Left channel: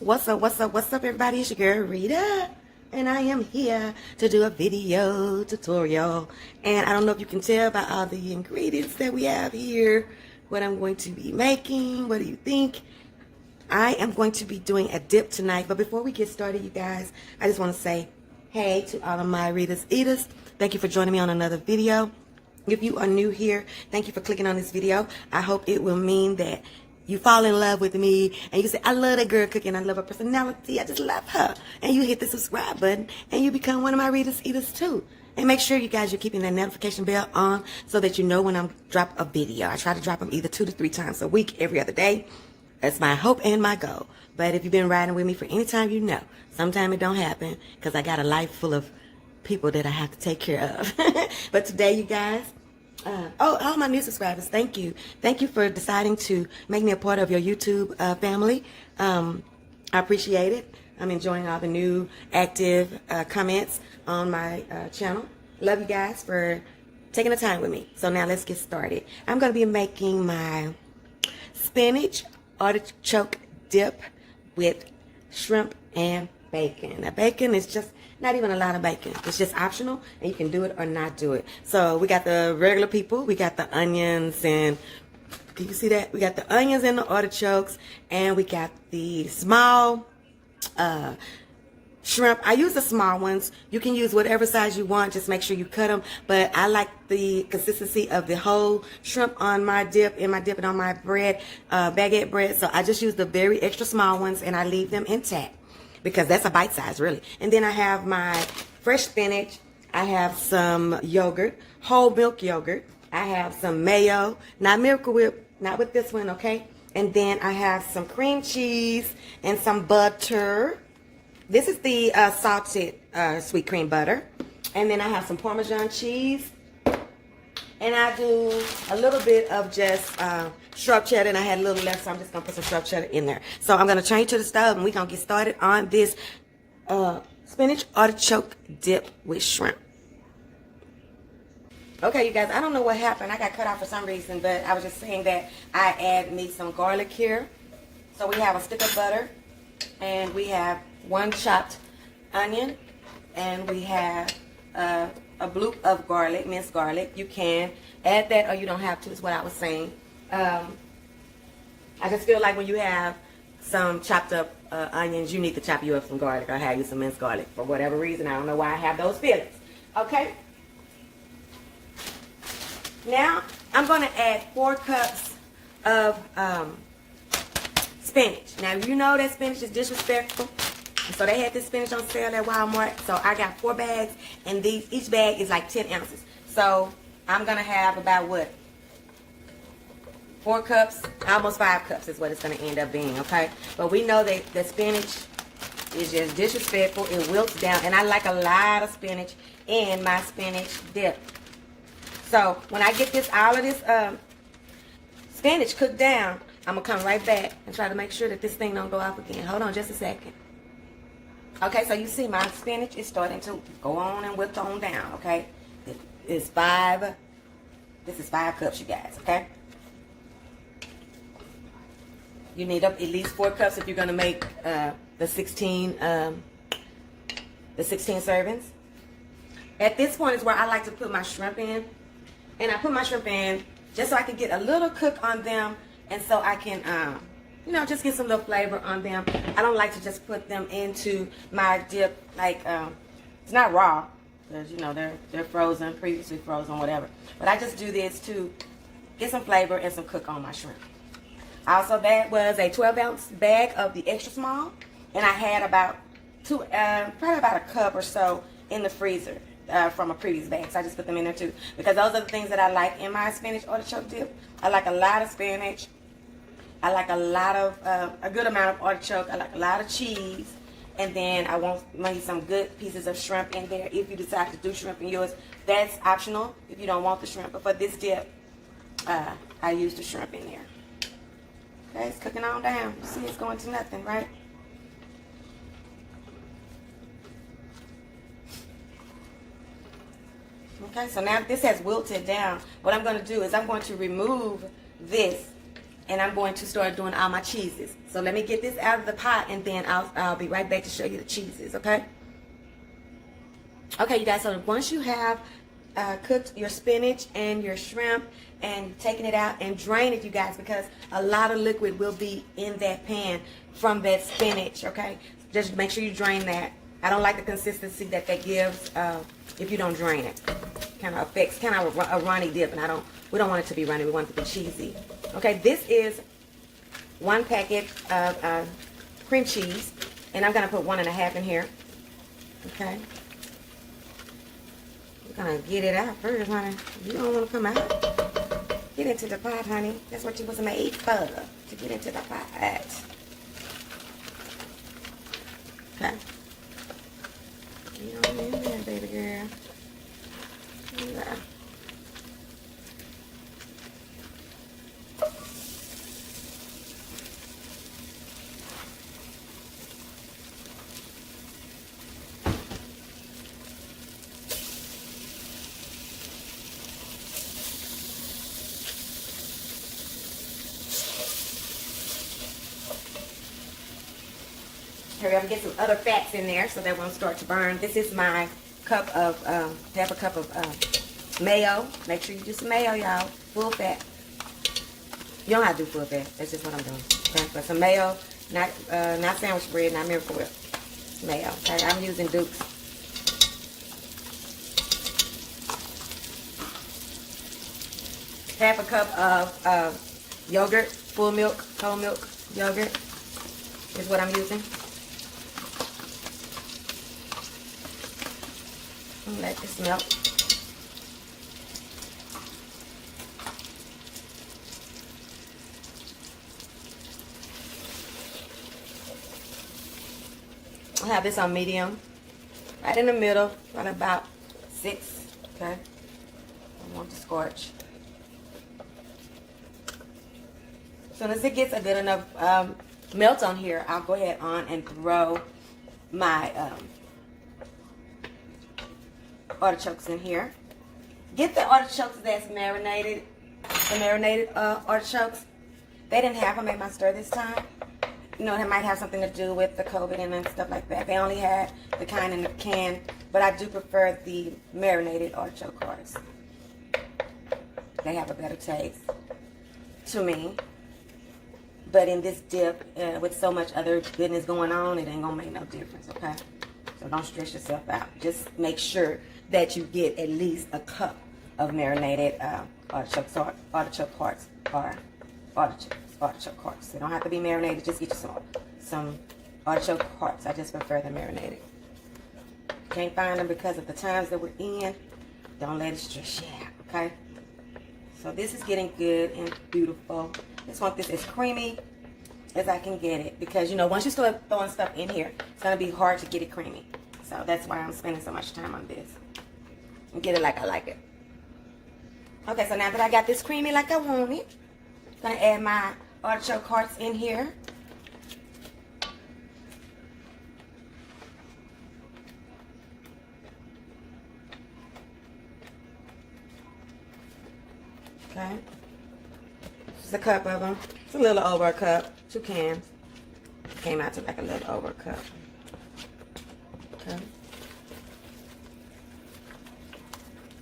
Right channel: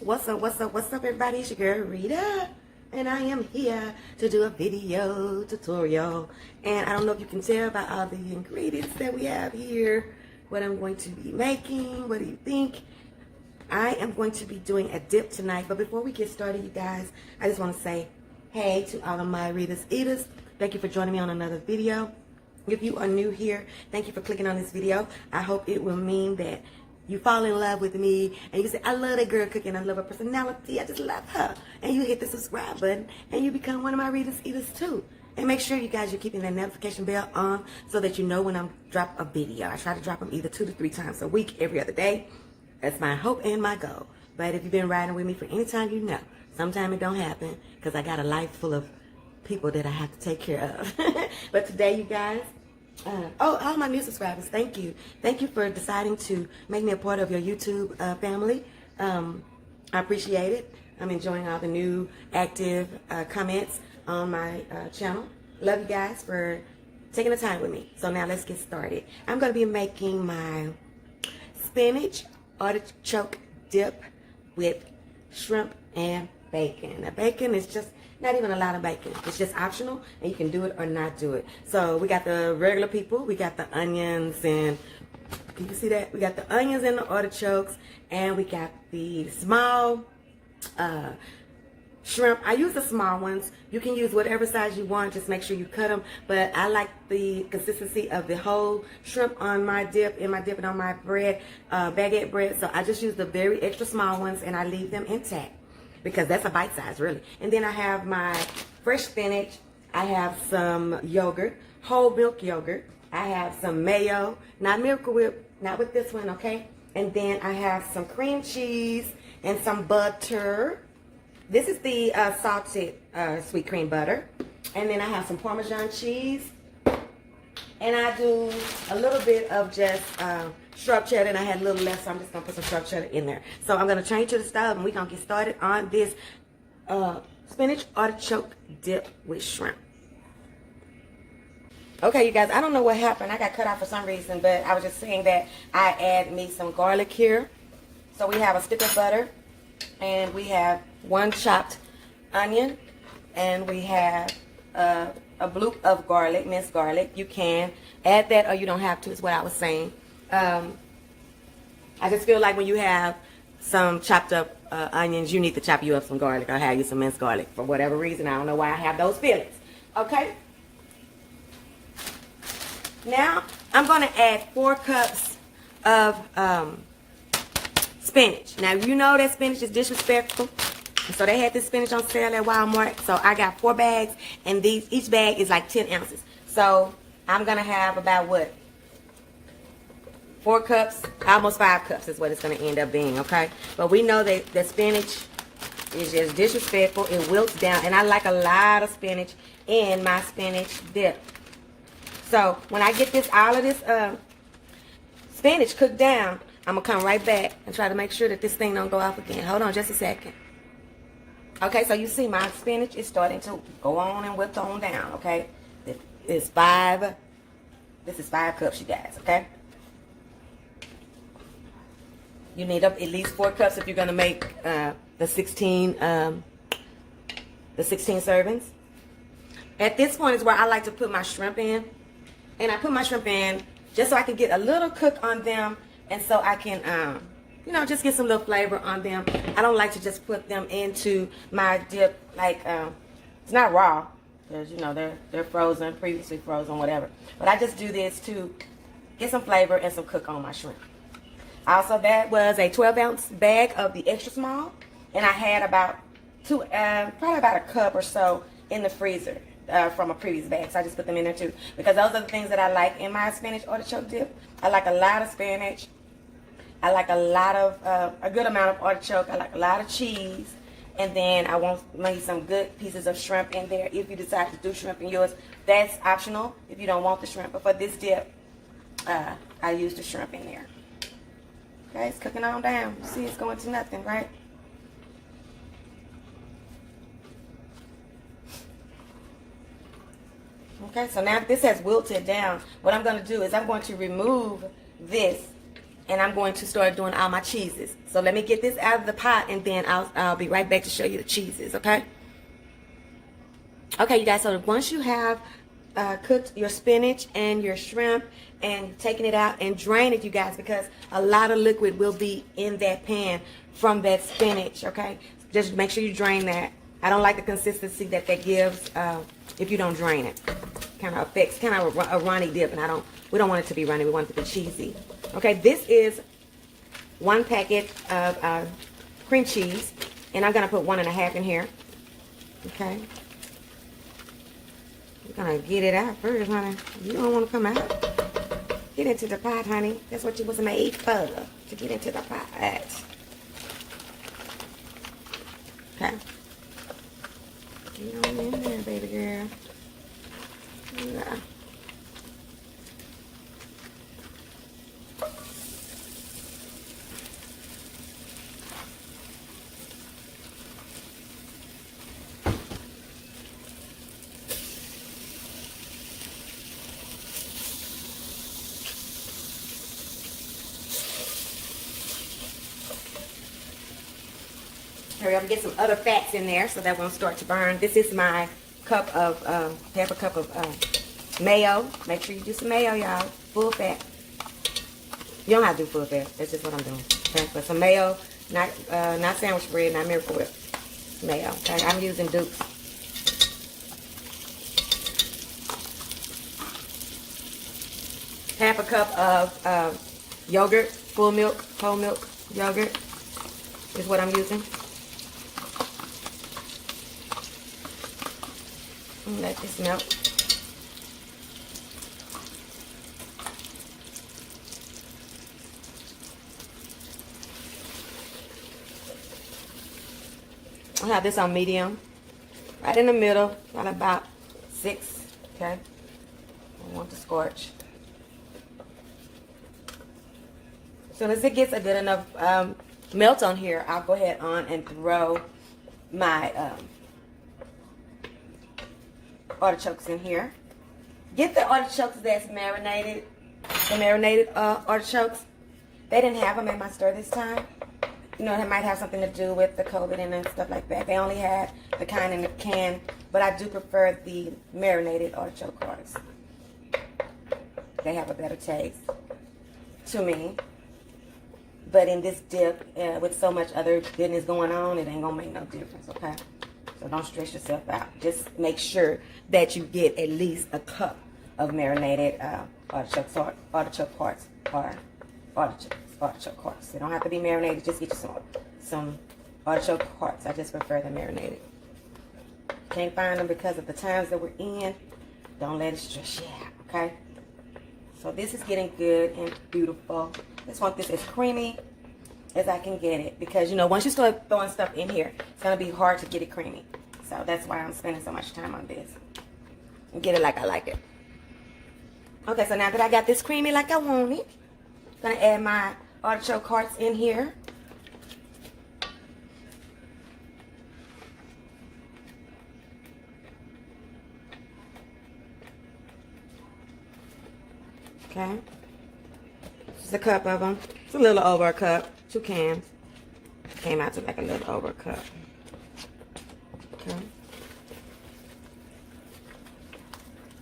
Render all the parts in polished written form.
What's up, everybody? It's your girl, Rita, and I am here to do a video tutorial. And I don't know if you can tell by all the ingredients that we have here, what I'm going to be making. What do you think? I am going to be doing a dip tonight. But before we get started, you guys, I just want to say hey to all of my Rita's Eaters. Thank you for joining me on another video. If you are new here, thank you for clicking on this video. I hope it will mean that you fall in love with me and you say, I love that girl cooking, I love her personality, I just love her. And you hit the subscribe button and you become one of my Rita's Eaters too. And make sure you guys are keeping that notification bell on so that you know when I drop a video. I try to drop them either 2 to 3 times a week, every other day. That's my hope and my goal. But if you've been riding with me for any time, you know, sometimes it don't happen because I got a life full of people that I have to take care of. But today, you guys, all my new subscribers, thank you. Thank you for deciding to make me a part of your YouTube family. I appreciate it. I'm enjoying all the new active comments on my channel. Love you guys for taking the time with me. So now let's get started. I'm going to be making my spinach artichoke dip with shrimp and bacon. Now, bacon is just not even a lot of bacon. It's just optional, and you can do it or not do it. So we got the regular people. We got the onions, and can you see that? We got the onions and the artichokes, and we got the small shrimp. I use the small ones. You can use whatever size you want. Just make sure you cut them. But I like the consistency of the whole shrimp on my dip, and my dipping on my bread, baguette bread. So I just use the very extra small ones, and I leave them intact, because that's a bite size, really. And then I have my fresh spinach. I have some yogurt, whole milk yogurt. I have some mayo, not Miracle Whip, not with this one, okay? And then I have some cream cheese and some butter. This is the salted sweet cream butter. And then I have some Parmesan cheese. And I do a little bit of just sharp cheddar, and I had a little left, so I'm just going to put some sharp cheddar in there. So I'm going to change to the stove, and we're going to get started on this spinach artichoke dip with shrimp. Okay, you guys, I don't know what happened. I got cut off for some reason, but I was just saying that I add me some garlic here. So we have a stick of butter, and we have 1 chopped onion, and we have a bloop of garlic, minced garlic. You can add that or you don't have to, is what I was saying. I just feel like when you have some chopped up onions, you need to chop you up some garlic or have you some minced garlic for whatever reason. I don't know why I have those feelings. Okay? Now, I'm going to add 4 cups of spinach. Now, you know that spinach is disrespectful. So they had this spinach on sale at Walmart. So I got 4 bags, and each bag is like 10 ounces. So I'm going to have about what? 4 cups, almost 5 cups is what it's going to end up being, okay? But we know that the spinach is just disrespectful. It wilts down, and I like a lot of spinach in my spinach dip. So when I get all of this spinach cooked down, I'm going to come right back and try to make sure that this thing don't go off again. Hold on just a second. Okay, so you see my spinach is starting to go on and wilt on down, okay? This is 5 cups, you guys, okay? You need at least 4 cups if you're going to make the 16 servings. At this point is where I like to put my shrimp in. And I put my shrimp in just so I can get a little cook on them, and so I can, you know, just get some little flavor on them. I don't like to just put them into my dip like, it's not raw, because, you know, they're frozen, previously frozen, whatever. But I just do this to get some flavor and some cook on my shrimp. Also, that was a 12-ounce bag of the extra small, and I had about probably about a cup or so in the freezer from a previous bag. So I just put them in there too, because those are the things that I like in my spinach artichoke dip. I like a lot of spinach. I like a lot of, a good amount of artichoke. I like a lot of cheese. And then I want maybe some good pieces of shrimp in there. If you decide to do shrimp in yours, that's optional if you don't want the shrimp. But for this dip, I use the shrimp in there. Okay, it's cooking on down. You see, it's going to nothing, right? Okay, so now this has wilted down. What I'm going to do is I'm going to remove this and I'm going to start doing all my cheeses. So let me get this out of the pot, and then I'll be right back to show you the cheeses, okay? Okay, you guys, so once you have cooked your spinach and your shrimp and taking it out and drain it, you guys, because a lot of liquid will be in that pan from that spinach, okay? Just make sure you drain that. I don't like the consistency that gives if you don't drain it. Kind of affects, kind of a runny dip, and we don't want it to be runny. We want it to be cheesy. Okay, this is 1 packet of cream cheese, and I'm gonna put 1.5 in here. Okay, we're gonna get it out first, honey. You don't want to come out. Get into the pot, honey. That's what you was made for, to get into the pot. Okay. Get on in there, baby girl. Yeah. Hurry up and get some other fats in there so that won't start to burn. This is my cup of, half a cup of mayo. Make sure you do some mayo, y'all. Full fat. You don't have to do full fat. That's just what I'm doing. Okay? But some mayo, not sandwich bread, not Miracle Whip. Mayo. Okay? I'm using Duke's. Half a cup of yogurt, full milk, whole milk yogurt is what I'm using. Let this melt. I have this on medium, right in the middle, on about 6. Okay, I want to scorch. As soon as it gets a good enough melt on here, I'll go ahead on and throw my artichokes in here. Get the artichokes that's marinated, the marinated artichokes. They didn't have them at my store this time. You know, it might have something to do with the COVID and stuff like that. They only had the kind in the can, but I do prefer the marinated artichoke hearts. They have a better taste to me. But in this dip, with so much other goodness going on, it ain't gonna make no difference, okay? So don't stress yourself out. Just make sure that you get at least a cup of marinated artichoke hearts or artichoke hearts. They don't have to be marinated. Just get you some artichoke hearts. I just prefer the marinated. Can't find them because of the times that we're in. Don't let it stress you out, okay? So this is getting good and beautiful. Just want this as creamy as I can get it, because you know, once you start throwing stuff in here, it's gonna be hard to get it creamy. So that's why I'm spending so much time on this. And get it like I like it. Okay, so now that I got this creamy like I want it, I'm gonna add my artichoke hearts in here. Okay. This is a cup of them. It's a little over a cup. 2 cans. Came out to like a little over a cup. Okay.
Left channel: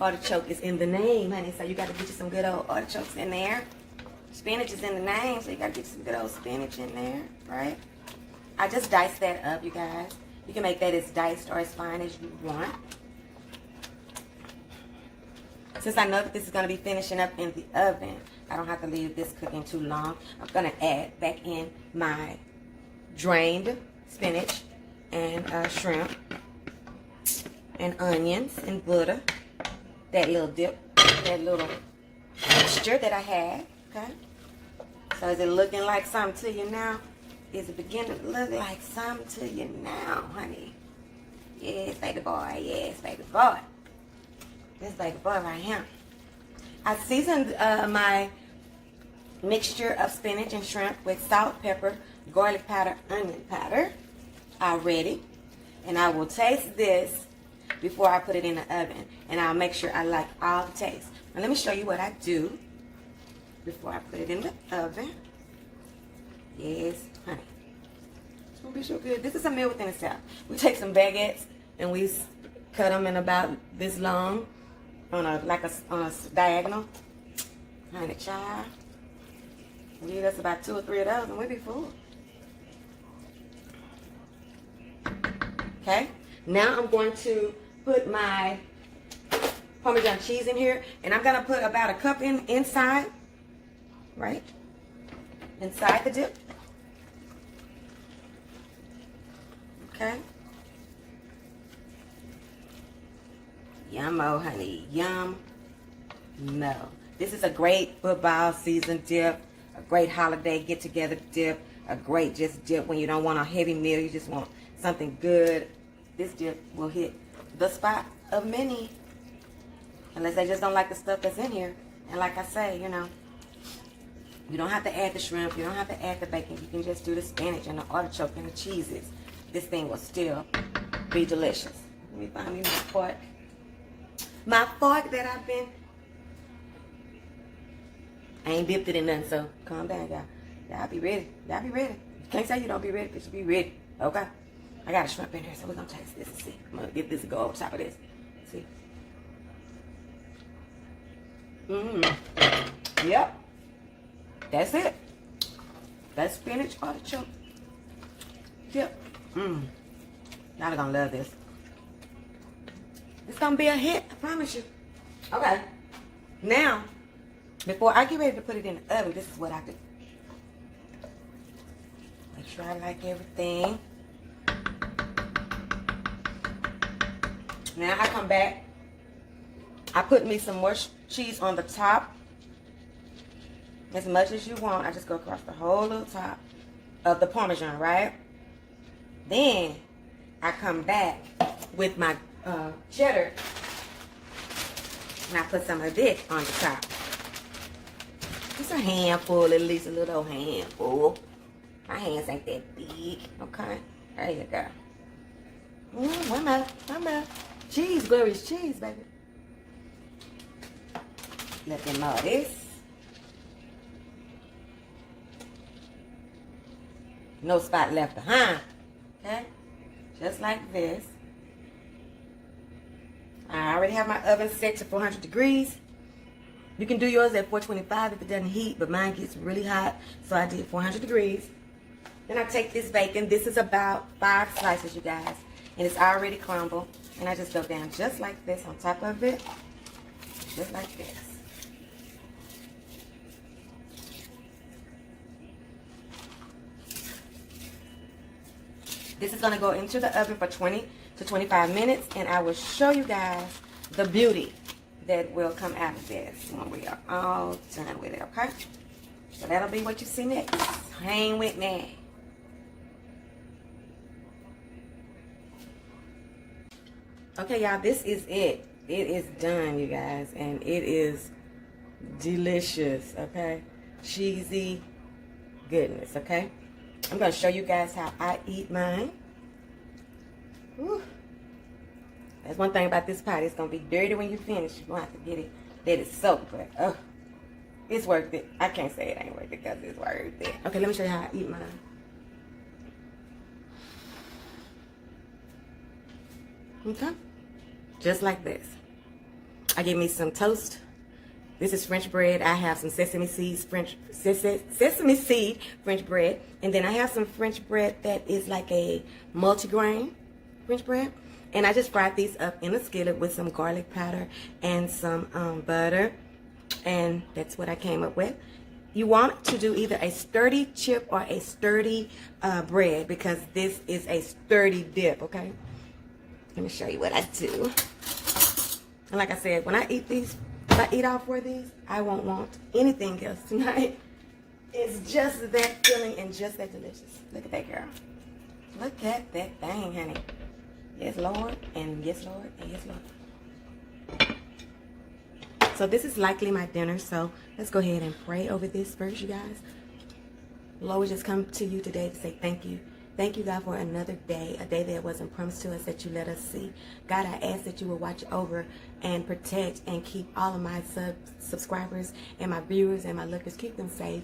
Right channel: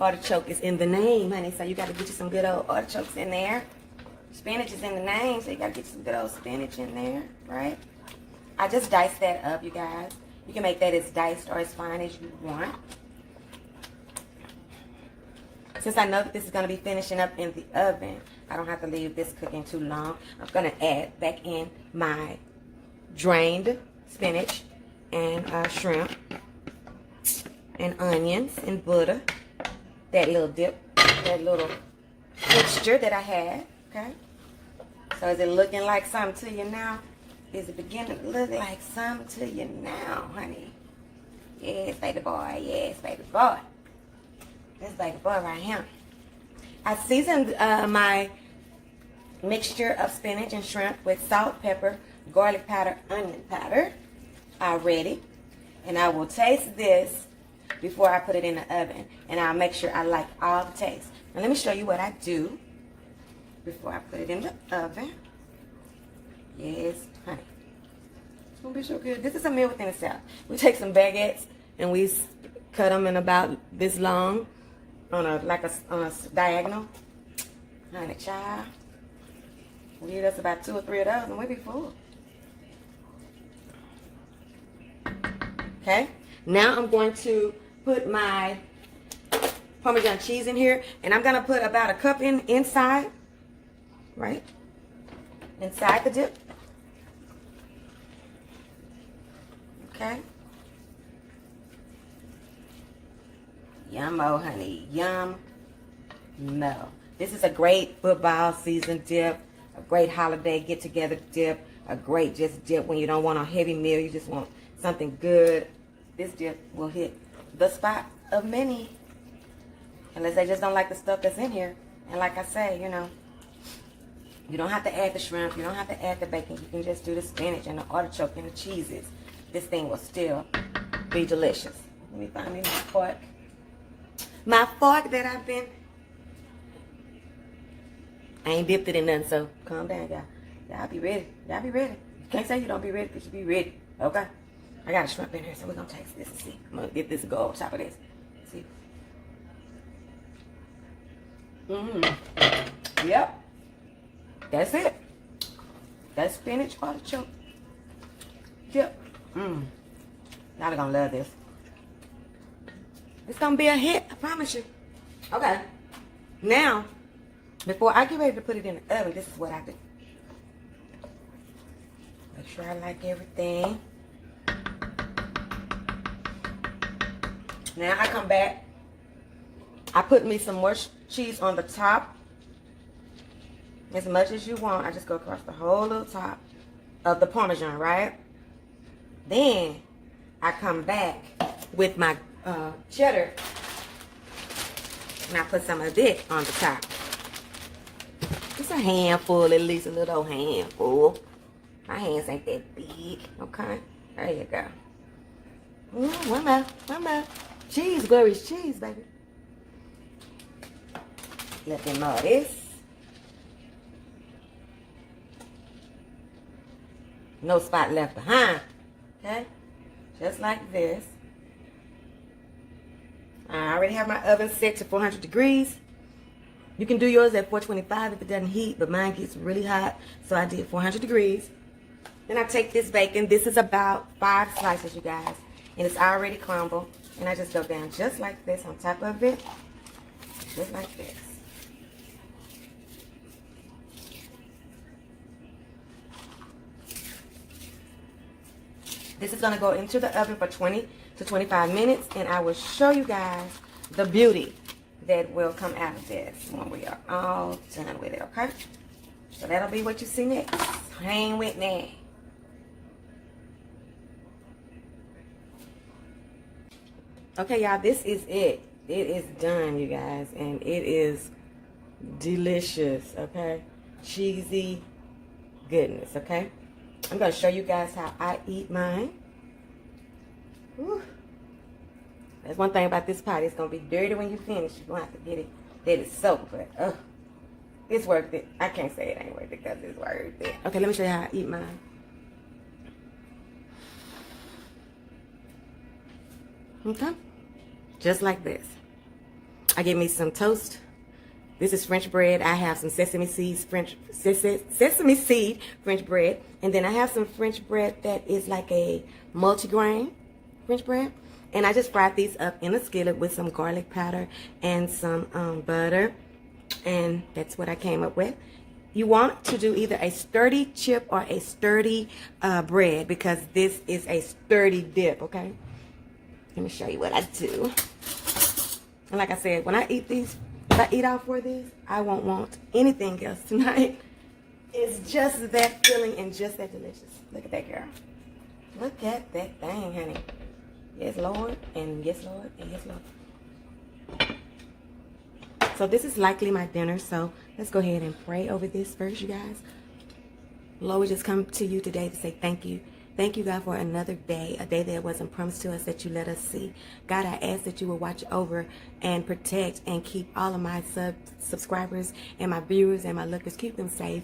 Artichoke is in the name, honey, so you got to get you some good old artichokes in there. Spinach is in the name, so you got to get some good old spinach in there, right? I just diced that up, you guys. You can make that as diced or as fine as you want. Since I know that this is going to be finishing up in the oven, I don't have to leave this cooking too long. I'm going to add back in my drained spinach and shrimp and onions and butter. That little dip, that little mixture that I had, okay? So is it looking like something to you now? Is it beginning to look like something to you now, honey? Yes, baby boy, yes, baby boy. This baby boy right here. I seasoned my mixture of spinach and shrimp with salt, pepper, garlic powder, onion powder already. And I will taste this before I put it in the oven. And I'll make sure I like all the taste. Now let me show you what I do before I put it in the oven. Yes, honey. It's gonna be so good. This is a meal within itself. We take some baguettes and we cut them in about this long on a diagonal. Honey, child. We eat us about 2 or 3 of those and we'll be full. Okay. Now I'm going to put my Parmesan cheese in here, and I'm gonna put about a cup inside, right? Inside the dip. Okay. Yum-o, honey. Yum-mo. This is a great football season dip, a great holiday get-together dip, a great just dip when you don't want a heavy meal, you just want something good. This dip will hit the spot of many. Unless they just don't like the stuff that's in here. And like I say, you know, you don't have to add the shrimp. You don't have to add the bacon. You can just do the spinach and the artichoke and the cheeses. This thing will still be delicious. Let me find me my fork. My fork that I've been... I ain't dipped it in nothing, so calm down, y'all. Y'all be ready. Y'all be ready. You can't say you don't be ready, but you be ready. Okay? I got a shrimp in here, so we're going to taste this and see. I'm going to give this a go on top of this. See? Yep. That's it. That's spinach artichoke. Yep. Y'all are gonna love this. It's gonna be a hit, I promise you. Okay. Now, before I get ready to put it in the oven, this is what I do. Make sure I like everything. Now I come back. I put me some more cheese on the top. As much as you want. I just go across the whole little top of the Parmesan, right? Then I come back with my cheddar. And I put some of this on the top. It's a handful, at least a little handful. My hands ain't that big. Okay? There you go. One more. Cheese, glorious cheese, baby. Let them know this. No spot left behind. Okay? Just like this. I already have my oven set to 400 degrees. You can do yours at 425 if it doesn't heat, but mine gets really hot, so I did 400 degrees. Then I take this bacon. This is about 5 slices, you guys. And it's already crumbled. And I just go down just like this on top of it. Just like this. This is going to go into the oven for 20 to 25 minutes, and I will show you guys the beauty that will come out of this when we are all done with it, okay? So that'll be what you see next. Hang with me. Okay, y'all, this is it. It is done, you guys, and it is delicious, okay? Cheesy goodness, okay? I'm going to show you guys how I eat mine. Whew. That's one thing about this pot. It's going to be dirty when you finish. You're going to have to let it soak, but it's worth it. I can't say it ain't worth it because it's worth it. Okay, let me show you how I eat mine. Okay? Just like this. I get me some toast. This is French bread. I have some sesame seed French bread. And then I have some French bread that is like a multigrain French bread. And I just fried these up in a skillet with some garlic powder and some butter. And that's what I came up with. You want to do either a sturdy chip or a sturdy bread because this is a sturdy dip, okay? Let me show you what I do. And like I said, when I eat these, if I eat all 4 of these, I won't want anything else tonight. It's just that filling and just that delicious. Look at that, girl. Look at that thing, honey. Yes, Lord, and yes, Lord, and yes, Lord. So this is likely my dinner, so let's go ahead and pray over this first, you guys. Lord, we just come to you today to say thank you. Thank you, God, for another day, a day that wasn't promised to us that you let us see. God, I ask that you will watch over and protect and keep all of my subscribers and my viewers and my lookers, keep them safe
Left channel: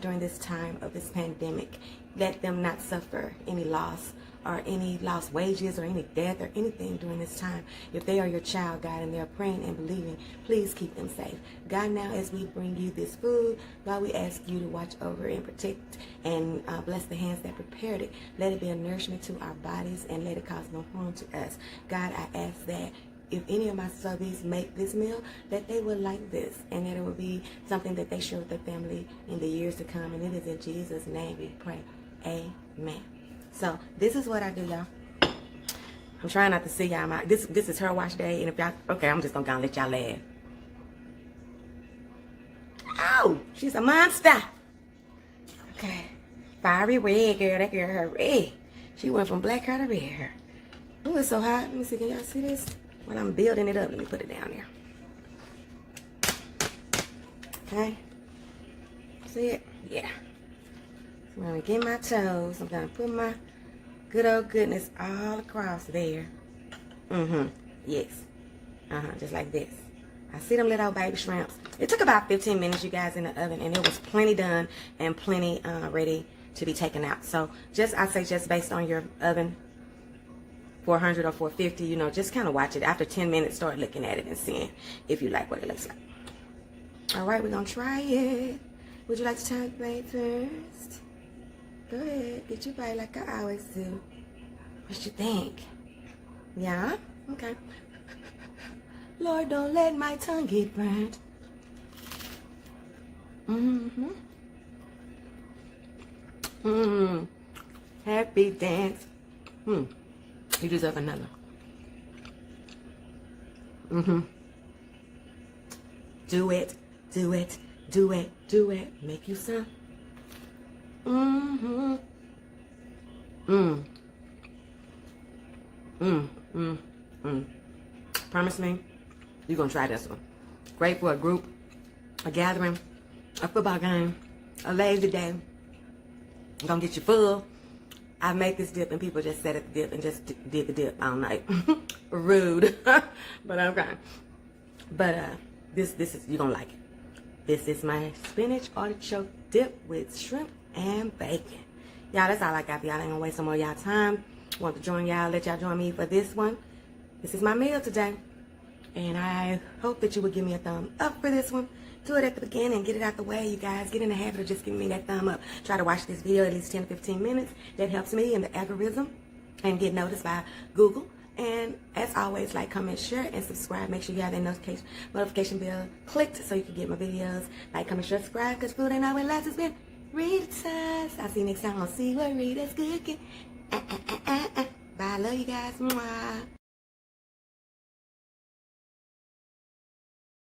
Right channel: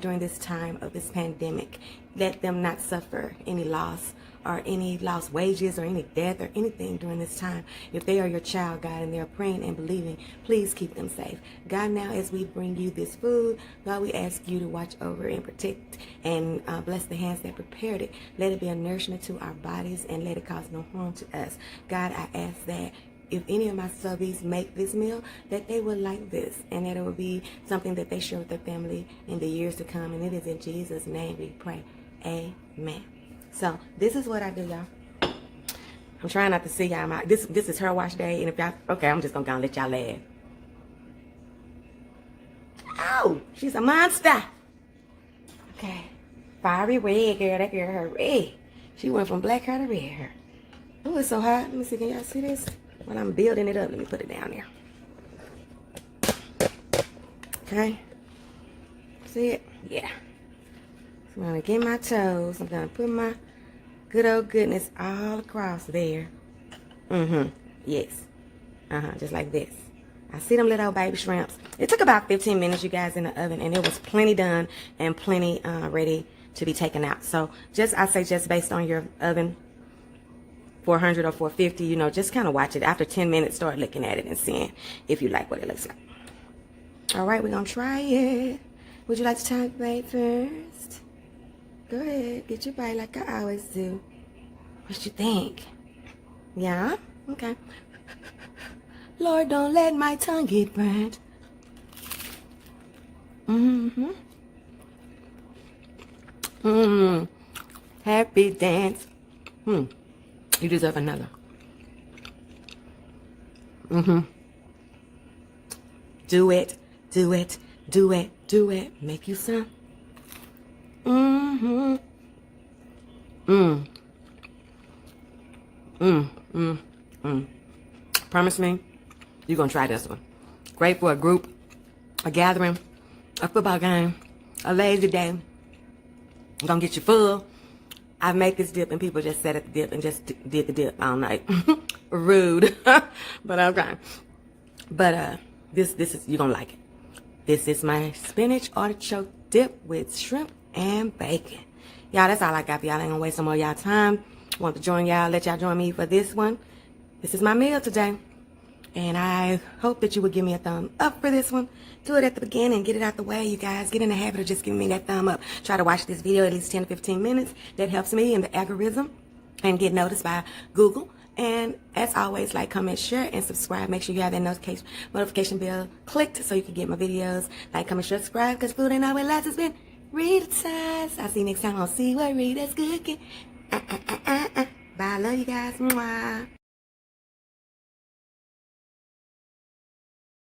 during this time of this pandemic. Let them not suffer any loss or any lost wages or any death or anything during this time. If they are your child, God, and they're praying and believing, please keep them safe. God, now as we bring you this food, God, we ask you to watch over and protect and bless the hands that prepared it. Let it be a nourishment to our bodies and let it cause no harm to us. God, I ask that if any of my subbies make this meal, that they will like this and that it will be something that they share with their family in the years to come. And it is in Jesus' name we pray. Amen. So this is what I do, y'all. I'm trying not to see y'all. This is her wash day, and if y'all, okay, I'm just gonna let y'all laugh. Ow, she's a monster. Okay, fiery red girl. That girl, her red. She went from black hair to red hair. Oh, it's so hot. Let me see. Can y'all see this? While I'm building it up, let me put it down there. Okay. See it? Yeah. I'm gonna get my toes. I'm gonna put my good old goodness all across there. Yes. Just like this. I see them little baby shrimps. It took about 15 minutes, you guys, in the oven, and it was plenty done and plenty ready to be taken out. So I'd say just based on your oven, 400 or 450, you know, just kind of watch it. After 10 minutes, start looking at it and seeing if you like what it looks like. All right, we're gonna try it. Would you like to try the plate first? Go ahead, get your bite like I always do. What you think? Yeah? Okay. Lord, don't let my tongue get burnt. Happy dance. You deserve another. Do it, do it, do it, do it. Make you some. Promise me, you're gonna try this one. Great for a group, a gathering, a football game, a lazy day. You're gonna get you full. I make this dip and people just sat at the dip and just did the dip all night. Rude. But okay. But this is, you're gonna like it. This is my spinach artichoke dip with shrimp and bacon. Y'all, that's all I got for y'all. I ain't gonna waste some more y'all time. Want to join y'all, let y'all join me for this one. This is my meal today. And I hope that you would give me a thumb up for this one. Do it at the beginning. Get it out the way, you guys. Get in the habit of just giving me that thumb up. Try to watch this video at least 10 to 15 minutes. That helps me in the algorithm and get noticed by Google. And as always, like, comment, share, and subscribe. Make sure you have that notification bell clicked so you can get my videos. Like, comment, share, subscribe, because food ain't always last. It's been Rita's. I'll see you next time. I'll see what Rita's cooking. Bye. I love you guys. Mwah.